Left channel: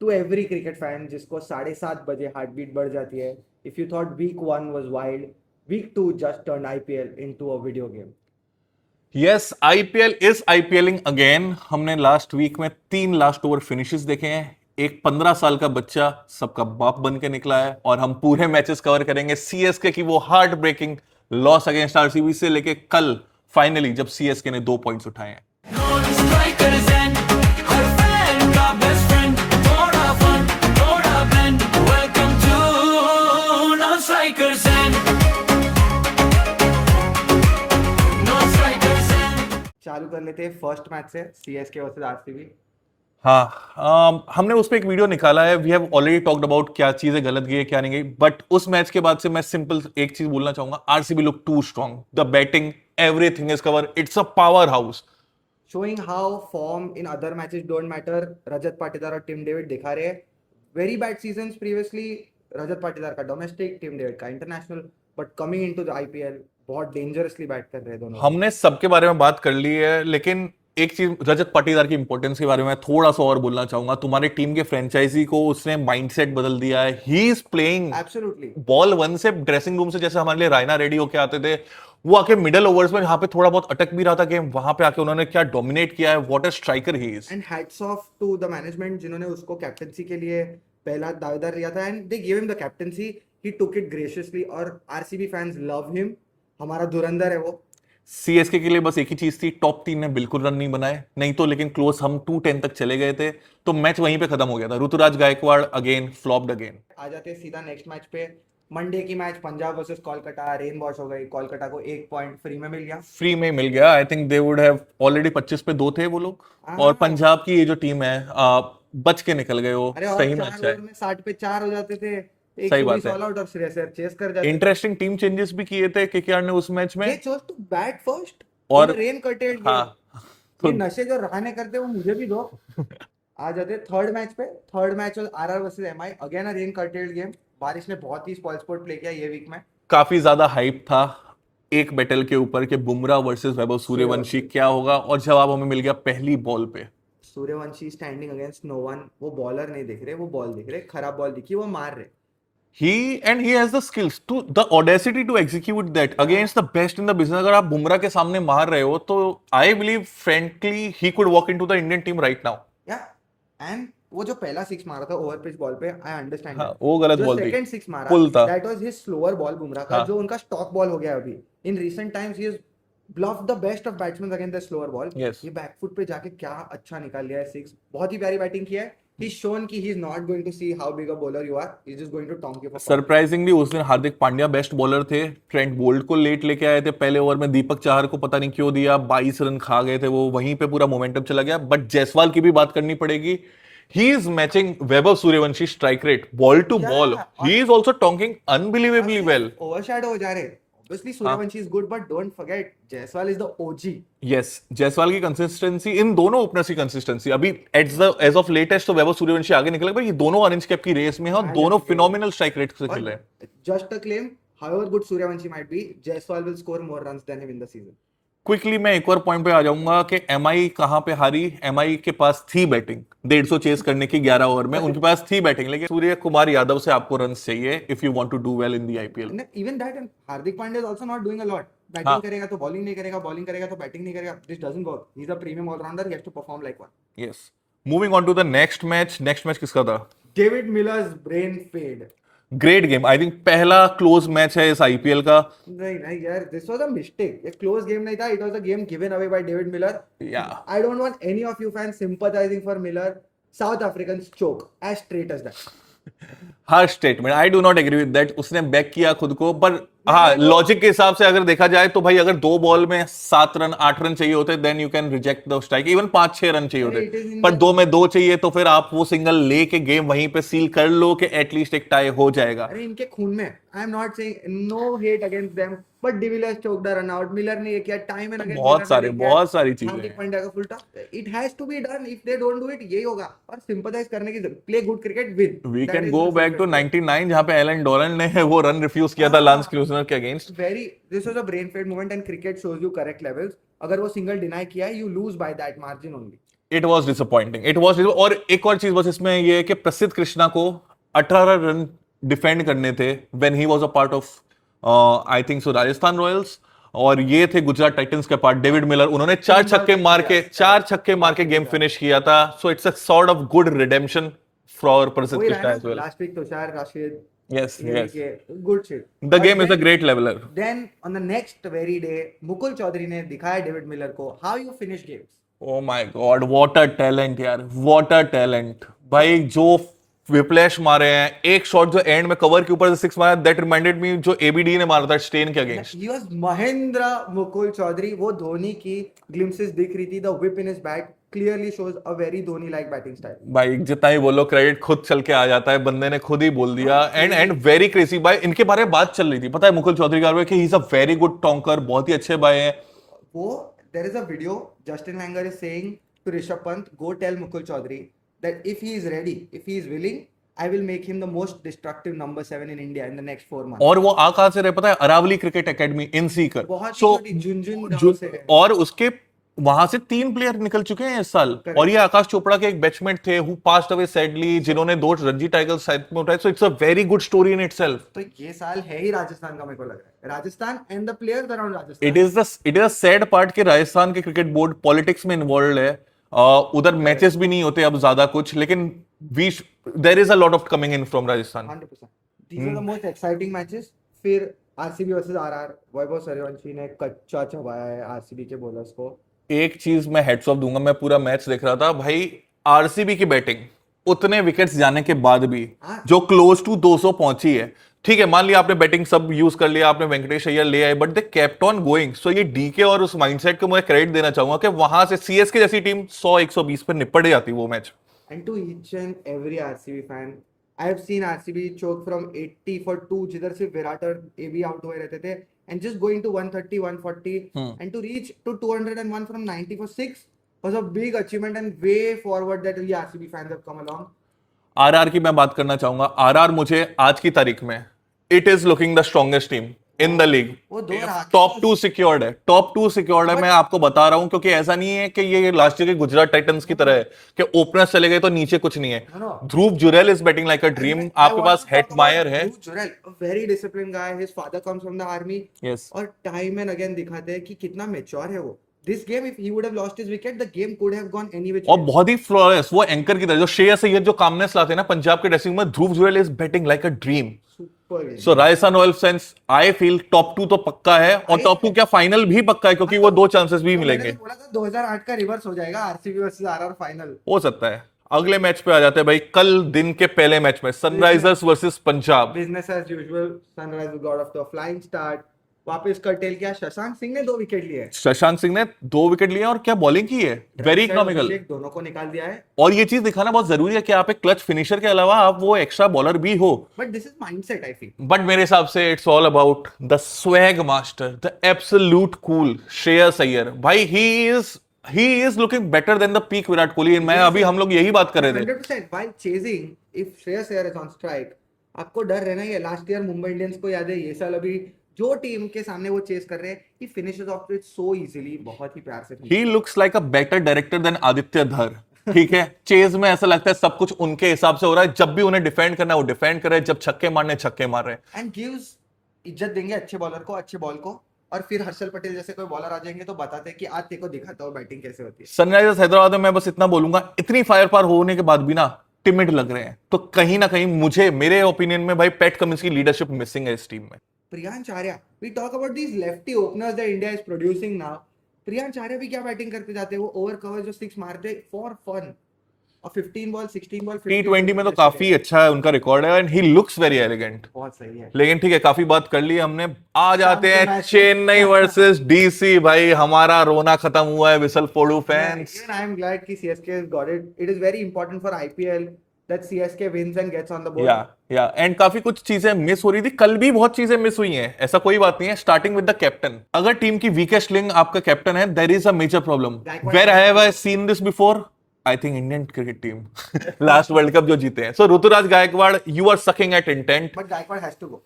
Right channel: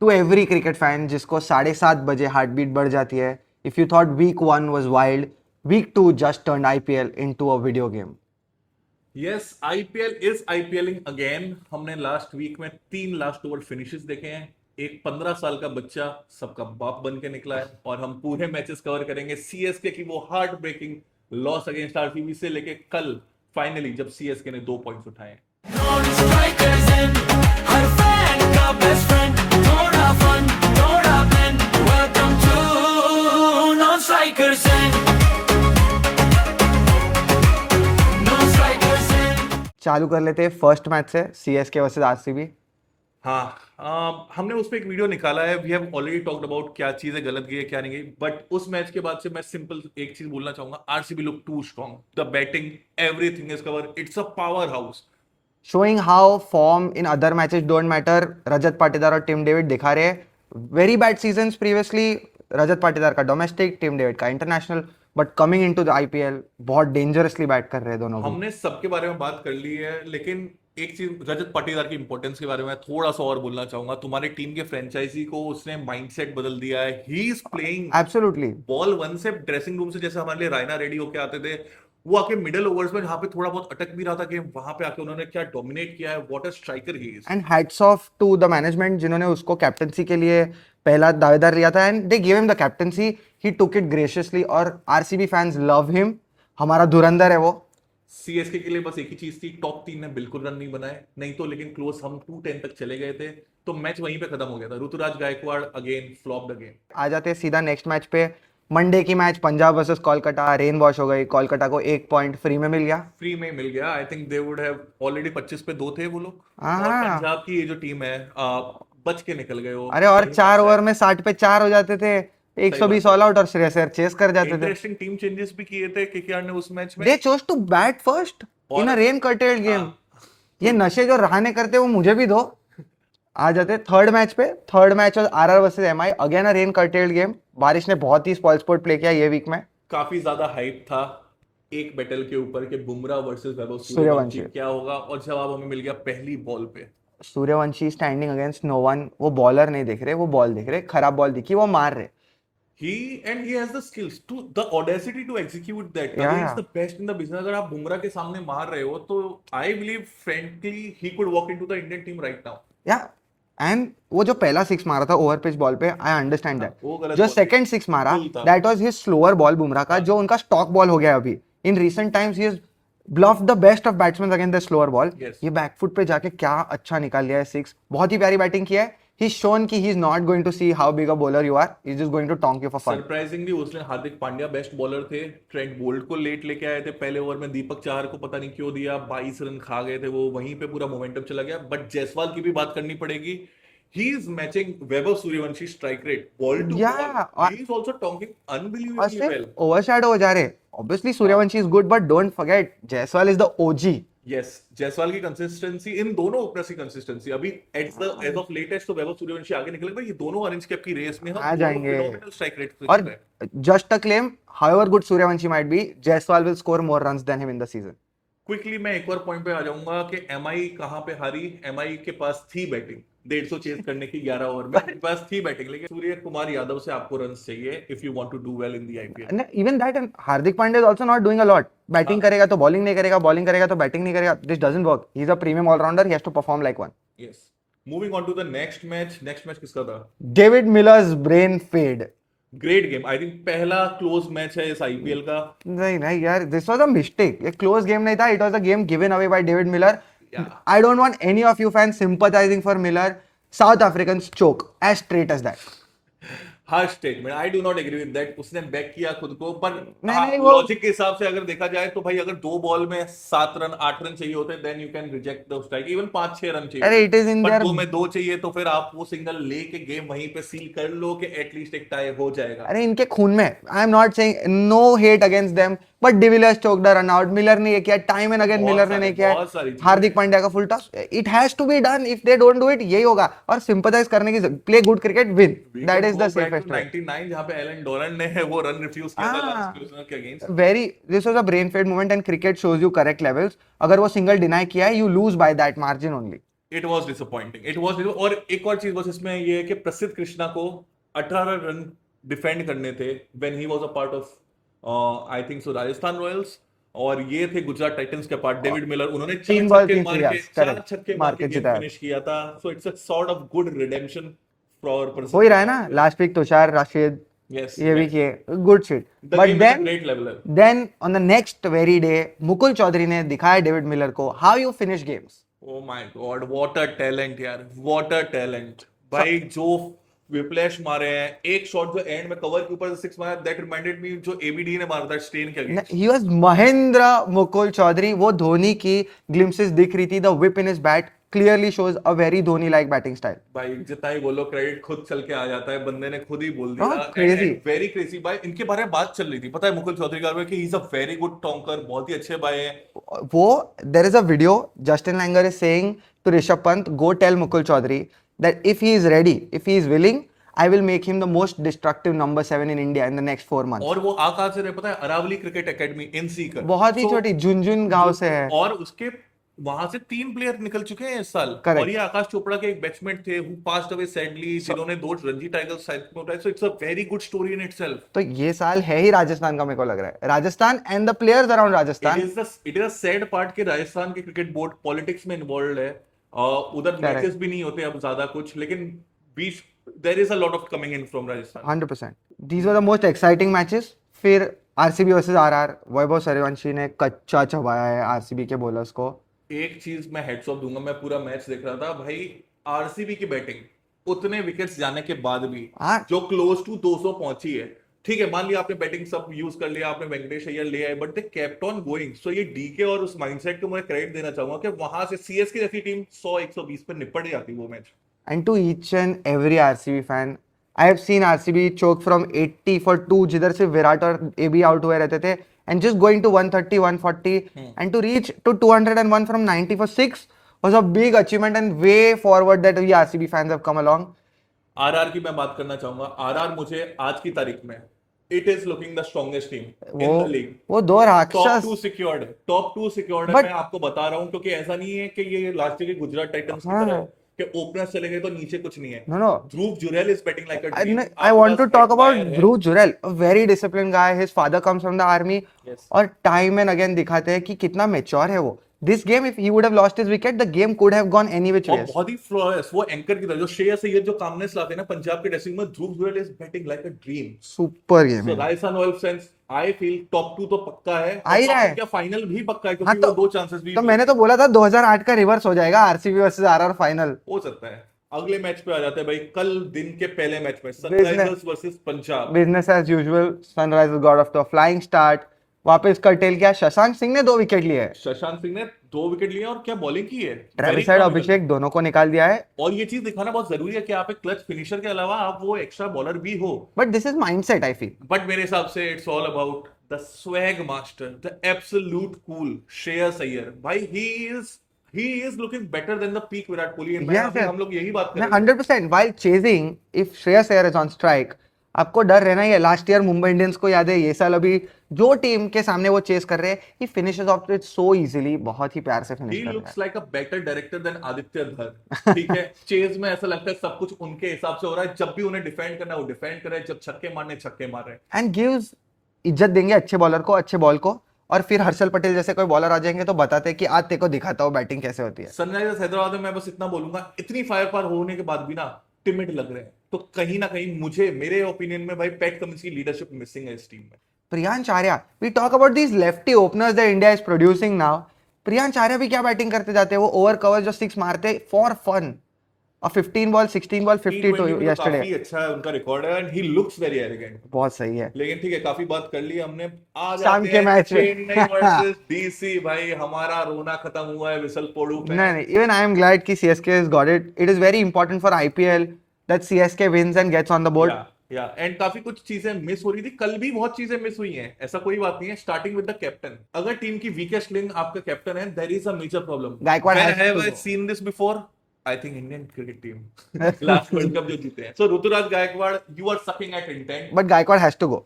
To every cricket fan जिसको 7:30 बजे heart beat बढ़ जाती है, if you thought week 1 was wild, week 2 just turned IPL into a video game. Yes, IPL is IPLing again. हमने last week में 3 last over finishes देखे हैं। एक 15 साल का बच्चा सबका बाप बन के निकला है और हम पूरे मैचेस कवर करेंगे सीएसके की वो heart breaking loss against RCB से लेके कल फाइनली जब सीएसके ने 2 पॉइंट्स उठाए हैं। चालू कर लेते हैं फर्स्ट मैच से, सीएसके वर्सेस आरसीबी। हाँ, हमने उस पर एक वीडियो निकाला है। We have already talked about क्या चीजें गलत गई है क्या नहीं गई, बट उस मैच के बाद से मैं सिंपल एक चीज बोलना चाहूंगा, RCB look too strong, the batting, everything is cover, it's a power house. Showing how form in other matches don't matter. Rajat Patidar और टिम डेविड दिखा रहे हैं very bad seasons previously. Rajat Patidar का डोमेस्टिक, टिम डेविड का international, but coming into the IPL बहुत dangerously bat कर रहे हैं दोनों। हमने सबके बारे में बात कर ली है, लेकिन एक चीज रजत पाटीदार की इंपॉर्टेंस के बारे में थोड़ा सा और बोलना चाहूंगा। तुम्हारी टीम के फ्रेंचाइजी को उसने माइंडसेट बदल दिया है। He is playing absolutely ball 1 से ड्रेसिंग रूम से, जैसे हमारे लिए रायना रेडी होके आते थे, वो आके मिडिल ओवर्स में जहां पे थोड़ा बहुत अटक भी रहा था गेम, वहां पे आके उन्होंने क्या डोमिनेट किया है। What a striker he is. And hats off to the management जिन्होंने उसको कैप्टनसी के लिए पहला दावेदार लिया था, and they give him the captaincy, he took it graciously. और आरसीबी फैंस लव हिम, हमारा धुरंधर है वो। सीएसके के लिए बस एक ही चीज थी, टॉप 3 ने बिल्कुल रन नहीं बनाए, नहीं तो लेकिन क्लोज हम 210 तक चले गए थे, तो मैच वहीं पे खत्म हो गया था। Ruturaj Gaikwad again flopped again. आ जाते हैं सीधा नेक्स्ट मैच पे। मंडे की match Punjab versus Kolkata, rain wash हो गई, कोलकाता को 1 पॉइंट फ्री में मिल गया। फ्री में मिल गया। I think they would have already 25 पे 2 थे वो लोग। हाँ। और पंजाब की ये जो टीम है बच के निकल गए वो। अरे और सही 4 match ओवर है। में 60 पे 4 हो जाते थे, सही 120 बात है। ऑल आउट और श्रेयस अय्यर चेस कर जाते थे। इंटरेस्टिंग टीम चेंजेस भी किए थे केकेआर ने उस मैच में। दे चोज टू बैट फर्स्ट और- इन अ रेन कर्टेल्ड गेम। हाँ। ये नशे जो रहाने करते वो मुझे भी दो। आ जाते थर्ड मैच पे। थर्ड मैच और RR versus MI, again a rain curtailed game. बारिश ने बहुत ही स्पॉइल स्पोर्ट प्ले किया ये वीक में। काफी ज्यादा हाइप था एक बैटल के ऊपर कि बुमराह वर्सेस वैभव सूर्यवंशी सूर्यवंशी। क्या होगा, और जवाब हमें मिल गया पहली बॉल पे। Suryavanshi standing against no one. वो बॉलर नहीं देख रहे, वो बॉल देख रहे, खराब बॉल दिखी, वो मार रहे। he has the skills to the audacity to execute that against the best in the business। अगर आप बुमराह के सामने मार रहे हो तो I believe frankly he could walk into the Indian team right now। या एंड वो जो पहला 6 मारा था ओवर पिच बॉल पे, आई अंडरस्टैंड हाँ, वो गलत जो बॉल थी। सेकंड 6 मारा, पुल था। That was his slower ball Bumrah का, हाँ। जो उनका स्टॉक बॉल हो गया अभी। In recent times he is bluffed the best of batsman against the slower ball. Yes। ये बैकफुट पे जाके क्या अच्छा निकाल लिया है 6। बहुत ही प्यारी बैटिंग किया है। He's shown कि he is not going to see how big a bowler you are, he's just going to tonk you for fun। Surprisingly उस दिन हार्दिक पांड्या बेस्ट बॉलर थे। ट्रेंट बोल्ट को लेट लेके आए थे पहले ओवर में, दीपक चाहर को पता नहीं क्यों दिया, 22 रन खा गए थे वो, वहीं पे पूरा मोमेंटम चला गया। बट जायसवाल की भी बात करनी पड़ेगी। He is matching Vaibhav Suryavanshi strike rate, ball to Yeah, ball। He is also tonking unbelievably well। Overshadow हो जा रहे। Obviously Suryavanshi is good, but don't forget Jaiswal is the OG। Yes, Jaiswal की कंसिस्टेंसी, इन दोनों ओपनर्स की कंसिस्टेंसी, अभी एज ऑफ लेटेस्ट तो वैभव सूर्यवंशी आगे निकल गए, ये दोनों ऑरेंज कैप की रेस में हैं और आ दोनों जाएंगे। फिनोमिनल स्ट्राइक रेट से खेल रहे हैं। और just a claim, however good Suryavanshi might be, Jaiswal will score more runs than him in the season। Quickly मैं एक और पॉइंट पे आ जाऊंगा कि एमआई कहां पे हारी। एमआई के पास थी बैटिंग 150 चेस करने की 11 ओवर में, उनके पास थी बैटिंग, लेकिन सूर्य कुमार यादव से आपको रन चाहिए if you want to do well in the IPL. And even that, and Hardik Pandya is also not doing a lot। Batting करेगा तो बॉलिंग नहीं करेगा, बॉलिंग करेगा तो बैटिंग नहीं करेगा। This doesn't work। He is a premium all-rounder, he has to perform like one। Yes, moving on to the next match. Next match किसका था? David Miller's brain fade। Great game. I think पहला close match है इस IPL का। नहीं नहीं यार, this was a mistake. ये क्लोज गेम नहीं था, it was a game given away by David Miller. Yeah। I don't want any of you fans sympathising for Miller. South Africans choke as straight as that. Her statement I do not agree with that. उसने back किया खुद को, पर हाँ, नहीं, वो- logic के हिसाब से अगर देखा जाए तो भाई अगर 2 बॉल में 7 रन 8 रन चाहिए होते, then you can reject the strike. Even 5-6 run चाहिए अरे, होते, it is in पर their- 2 में 2 चाहिए तो फिर आप वो सिंगल लेके गेम वहीं पे सील कर लो कि एटलीस्ट एक टाई हो जाएगा। अरे इनके खून में, I am not saying no hate against them, but de Villiers choked a run out. Miller ने ये किया, टाइम एंड अगेन बहुत मिलर ने सारी- नहीं किया। बहुत सारी चीजें हार्दिक पांड्या का full toss, it has to be done. If they don't do it, यही होगा। और सिंपथाइज करने की, play good cricket, win. We that can is go the back to 99 जहां पे एलन डोरन ने वो रन रिफ्यूज किया था लांस क्लूजनर के against. Very, this was a brain fade moment and cricket shows you correct levels. अगर वो single deny किया है, you lose by that margin only. It was disappointing, it was. और एक और चीज बस इसमें ये है कि प्रसिद्ध कृष्णा को 18 रन डिफेंड करने थे when he was a part of I think so Rajasthan Royals, और ये थे गुजरात टाइटंस के पार्ट डेविड मिलर, उन्होंने चार तीन बॉल छक्के की मार थी, के yes, चार correct. छक्के मार मार के के गेम जीता है. फिनिश किया था। So it's a sort of good redemption for Prasidh हो ही रहा है कृष्णा ना, as well. Last week Tushar Rashid Yes, ये भी yes. किए, good shit. The game is a great leveler. Then on the next very day, Mukul Choudhary ने दिखाया डेविड मिलर को how you finish games. Oh my God, what a talent यार, what a talent. भाई जो whiplash मारे हैं, एक शॉट जो एंड में कवर के ऊपर से सिक्स मारा, that reminded me जो ABD ने मारा था स्टेन के against. He was Mahendra Mukul Choudhary. वो धोनी की glimpses दिख रही थी. The whip in his bat clearly shows a very Dhoni like batting style. भाई जितना ही बोलो क्रेडिट खुद चल के आ जाता है, बंदे ने खुद ही बोल दिया. हाँ, and crazy. And very crazy भाई. इनके बारे में बात चल रही थी, पता है मुकुल चौधरी के बारे में, कि he is a very good tonker, बहुत ही अच्छे बाय हैं. वो there is a video Justin Langer is saying to Rishabh Pant, go tell Mukul Chaudhary that if he is ready, if he is willing, I will make him the most destructive number 7 in India in the next 4 months. और वो आ कहां से रहे पता है? Aravalli cricket academy in Sikar, बहुत ही So, छोटी झुंझुन गांव से है. और उसके वहां से 3 प्लेयर निकल चुके हैं इस साल. Correct. और ये आकाश चोपड़ा के एक बैट्समैन थे हु पास्ड अवे सैडली, जिन्होंने 2 रणजी टाइटल्स साथ में उठाए. सो it's a very good story in itself. तो ये साल है ही राजस्थान का, मेरे को लग रहा है. Rajasthan and the players around Rajasthan. It is a sad part कि राजस्थान के क्रिकेट बोर्ड पॉलिटिक्स में इन्वॉल्व है. उधर मैचेस भी नहीं होते अब ज्यादा कुछ, लेकिन we there is a lot of coming in from Rajasthan. 100%. These were the most exciting matches. फिर RCB versus RR. Vaibhav Suryavanshi ने कच्चा चबाया है आरसीबी के बॉलर्स को. एक चीज मैं हेड्स ऑफ दूंगा, मैं पूरा मैच देख रहा था भाई, आरसीबी की बैटिंग उतने विकेट्स जाने के बाद भी हाँ. जो क्लोज टू 200 पहुंची है. ठीक है, मान लिया आपने बैटिंग सब यूज कर लिया, आपने वेंकटेश अय्यर ले आए, but they kept on going. So ये डीके और उस माइंडसेट को मैं क्रेडिट देना चाहूंगा कि वहां से सीएसके जैसी टीम 100-120 पे निपट जाती वो match. And to each and every RCB fan, I have seen RCB choke from 80 for 2, जिधर से विराट और AB आउट हुए रहते थे, and just going to 130, 140, and to reach to 201 from 90 for 6 was a big achievement and way forward that we RCB fans have come along. RR की मैं बात करना चाहूंगा. आरआर मुझे आज की तारीख में it is looking the strongest team in the league. वो दो राक्षस. टॉप 2 सिक्योर्ड है, टॉप 2 सिक्योर्ड है. But- मैं आपको बता रहा हूं, क्योंकि ऐसा नहीं है कि ये लास्ट ईयर के गुजरात टाइटंस की तरह है कि ओपनर्स चले गए तो नीचे कुछ नहीं है. No, no. Dhruv Jurel is batting like a dream. I आपके want pass to talk about Hetmyer है. Dhruv Jurel, a very disciplined guy. His father comes from the army. Yes. और time and again दिखाते हैं कि कितना mature है वो. This game, if he would have lost his wicket, the game could have gone any which और way. बहुत ही flawless वो एंकर की तरह, जो श्रेयस अय्यर जो कामनेस लाते हैं ना पंजाब के ड्रेसिंग में, Dhruv Jurel is batting like a dream. Super game. So Rajasthan Royals fans, I feel top 2 तो पक्का है, आ और ही टॉप रहा 2 है. क्या फाइनल भी पक्का है, क्योंकि हाँ, वो तो- 2 चांसेस भी तो मिलेंगे. मैंने तो बोला था 2008 का रिवर्स हो जाएगा आरसीबी वर्सेस आरआर फाइनल. हो सकता है. अगले मैच पे आ जाते हैं भाई. कल दिन के पहले मैच में Sunrisers versus Punjab. Business as usual. Sunrisers got off the flying start. वापस कर्टेल किया. शशांक सिंह ने 2 विकेट लिए. शशांक सिंह ने 2 विकेट लिए और क्या बॉलिंग की है, वेरी ट्रेविस हेड, अभिषेक दोनों को निकाल दिया है. और ये चीज दिखाना बहुत जरूरी है कि आप एक क्लच फिनिशर के अलावा आप वो एक्स्ट्रा बॉलर भी हो. But this is mindset I feel. But मेरे हिसाब से it's all about the swag master, the absolute cool Shreyas Iyer. भाई he is looking better than the peak Virat Kohli. मैं Yes, अभी sir. हम लोग यही बात कर रहे थे. 100% while chasing, if Shreyas Iyer is on strike, आपको डर रहना ही है. लास्ट ईयर मुंबई इंडियंस को याद है, ये साल अभी जो टीम के सामने वो चेस कर रहे हैं, he finishes off it so easily. बहुत ही प्यार से finish He करता looks like a better director than Aditya धर. ठीक है, चेज में ऐसा लगता है सब कुछ उनके हिसाब से हो रहा है. जब भी उन्हें डिफेंड करना है वो डिफेंड कर रहे हैं, जब छक्के मारने छक्के मार रहे हैं. है. And gives इज्जत देंगे अच्छे बॉलर को, अच्छे बॉल को. और फिर हर्षल पटेल जैसे कोई बॉलर आ जाएंगे तो बताते हैं कि आज तेरे को दिखाता हूँ बैटिंग कैसे होती है. सनराइजर्स हैदराबाद में मैं बस इतना बोलूंगा, इतनी फायर पावर होने के बाद भी ना टिमिड लग रहे हैं. तो कहीं ना कहीं मुझे, मेरे ओपिनियन में भाई, पैट कमिंस की लीडरशिप मिसिंग है इस टीम में. Priyansh Arya, we talk about these lefty openers that India is producing now. Priyansh Arya भी क्या बैटिंग करते जाते हैं. वो ओवर कवर जो 6 मारते फॉर फन. और 15 बॉल 16 बॉल T20 में तो 52 काफी अच्छा है उनका रिकॉर्ड है, and he looks very elegant. बहुत सही है. लेकिन ठीक है, काफी बात कर ली हमने. आ शाम जाते के हैं मैच में. Chennai versus DC. भाई हमारा रोना खत्म हुआ है विसल फोड़ू fans. Even I am glad कि CSK has got it. It is very important for IPL that CSK wins and gets on the board. या एंड काफी कुछ चीजें मिस हो रही थी. कल भी बहुत चीजें मिस हुई हैं, ऐसा कोई बात नहीं है. Starting with the captain. अगर टीम की वीकेस्ट लिंक आपका कैप्टन है, there is a major problem. Gaikwad where has have to I go. Seen this before? I think Indian cricket team last world cup जो जीते हैं. So Ruturaj Gaikwad, you are sucking at intent. But Gaikwad has to go.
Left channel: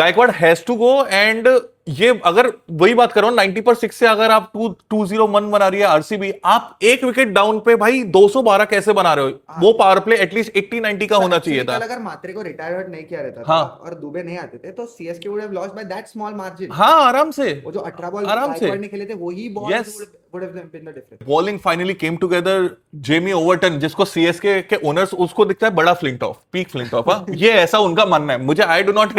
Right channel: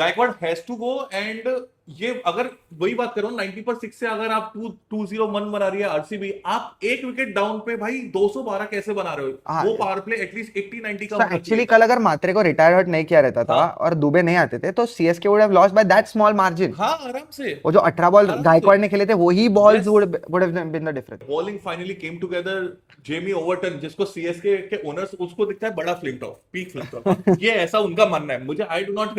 Gaikwad has to go, and ये अगर वही बात करो 90 पर 6 से अगर आप 2-0 मन बना रही है आरसीबी, आप एक विकेट डाउन पे भाई 212 कैसे बना रहे हो? वो पावर प्ले एटलीस्ट 80-90 का होना चाहिए था। कल अगर मात्रे को रिटायर हट नहीं किया रहता था हाँ। और दुबे नहीं आते थे तो CSK would have lost by that small margin. हाँ, आराम से। वो जो 18 बॉल आराम गायकवाड़ से। ने खेले थे वही balls Yes. Would have been the difference. Bowling finally came together. Jamie Overton, जिसको सीएसके के ओनर्स उसको दिखता है बड़ा फ्लिंटॉफ, पीक फ्लिंटॉफ। हाँ, ये ऐसा उनका मानना है। मुझे I did not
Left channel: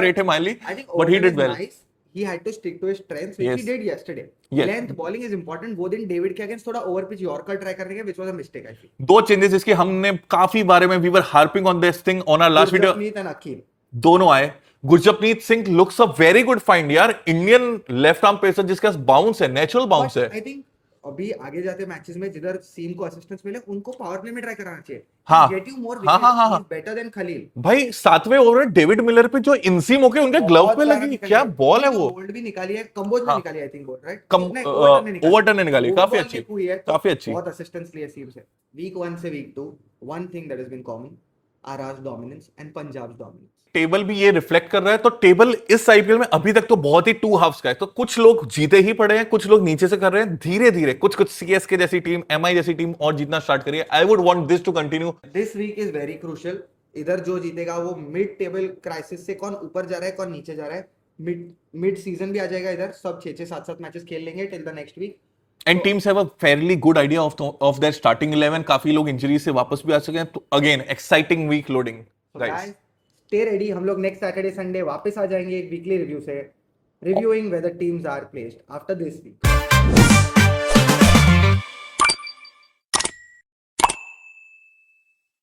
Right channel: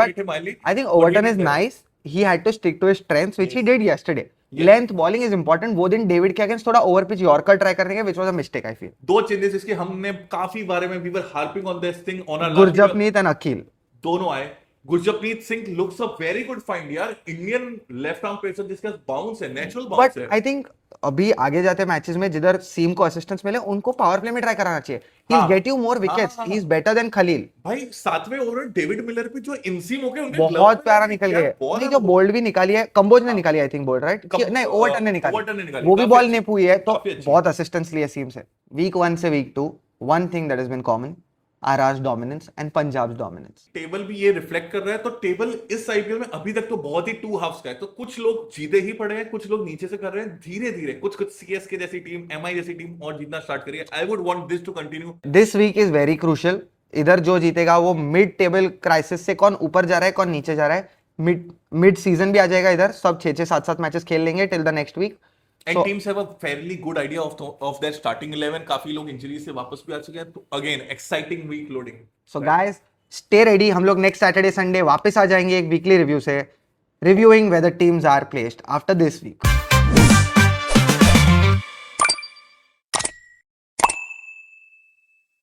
rate him highly. I think Overton is nice. He had to stick to his strengths, which he Yes. did yesterday. Yes. Length bowling is important. वो दिन David के अगेंस्ट थोड़ा ओवर पिच यॉर्कर ट्राई करने के, which was a mistake I feel. दो changes जिसकी हमने काफी बारे में we were harping on this thing on our last video, Gurjapneet and Akhil दोनों आए। Gurjapneet Singh looks a very good find यार, इंडियन लेफ्ट आर्म पेसर जिसका बाउंस है, नेचुरल बाउंस बट है। आई थिंक अभी आगे जाते मैचेस में जिधर सीम को असिस्टेंस मिले उनको पावर प्ले में ट्राई कराना चाहिए. हाँ. He'll get you more हाँ, wickets. हाँ, हाँ, He's better than Khalil. भाई 7वें ओवर में डेविड मिलर पे जो इंसीम होके उनके ग्लव बहुत पे प्यारा लगी, निकली क्या है. बॉल है जो वो। बोल्ड भी निकाली है, कंबोज ने हाँ. निकाली आई थिंक बोल्ड राइट. कम- नहीं ओवरटन ने निकाली. ओवरटन ने निकाली, वो भी काफी बॉल अच्छी, ने हुई है तो काफी अच्छी। बहुत असिस्टेंस लिए सीम से. वीक 1 से week 2 one thing that has been common, RR's dominance and Punjab's dominance. Table भी ये रिफ्लेक्ट कर रहा है। तो टेबल इस आईपीएल में अभी तक तो बहुत ही टू हाफ्स का है। तो कुछ लोग जीते ही पड़े हैं, कुछ लोग नीचे से कर रहे हैं। धीरे धीरे कुछ सीएसके जैसी टीम, एमआई जैसी टीम और जीतना स्टार्ट करिए। I would want this to continue. This week is very crucial. इधर जो जीतेगा वो मिड टेबल क्राइसिस से कौन ऊपर जा रहा है कौन नीचे जा रहा है, मिड सीजन भी आ जाएगा इधर. सब 6-6 7-7 मैचेस खेल लेंगे till the next week. And teams have a fairly good idea of their starting 11। काफी लोग इंजरी से वापस भी आ चुके हैं। तो again exciting week loading. So guys stay ready. हम लोग नेक्स्ट सैटरडे संडे वापस आ जाएंगे एक वीकली रिव्यू से, reviewing whether teams are placed after this week.